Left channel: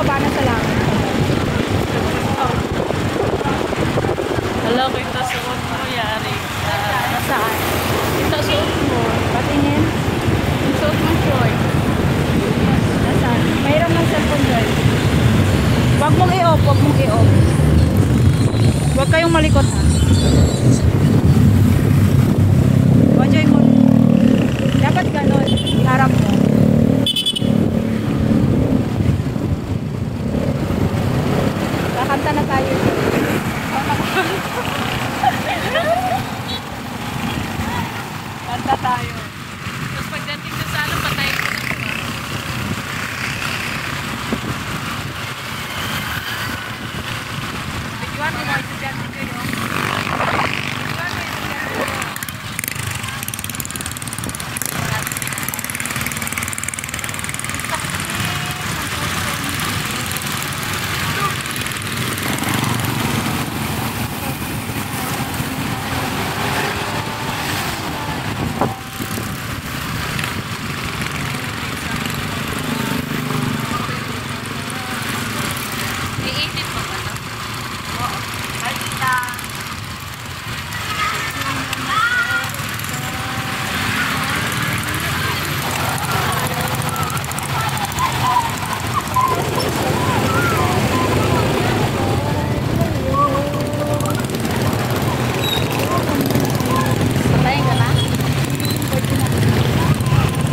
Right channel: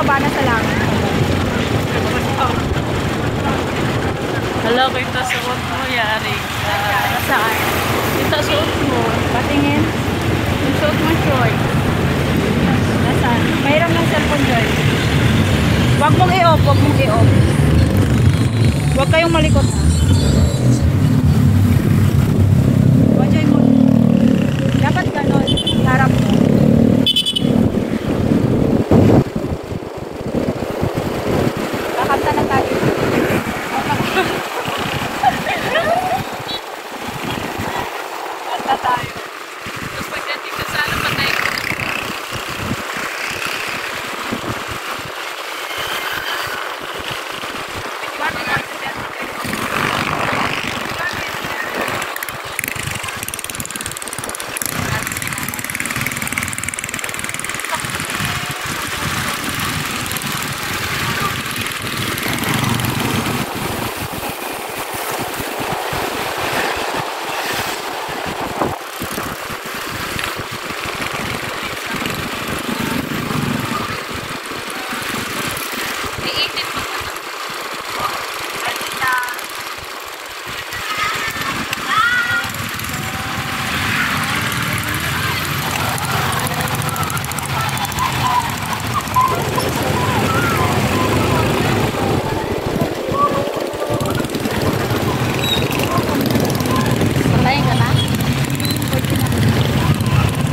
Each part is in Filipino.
baba na sa langit. Hala, kita suot mo, yari. Saan? Kita suot mo. Patingin. Yung suot ng suot. Nasaan? Mayroon ng cellphone doon. Huwag mong i-off, huwag mong i-off. Huwag kayong malikot ha. Enjoy mo. Dapat ganon. Harap mo. Kakanta na tayo. Kanta tayo.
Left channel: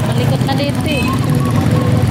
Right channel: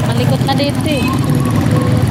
Malikot na dito eh.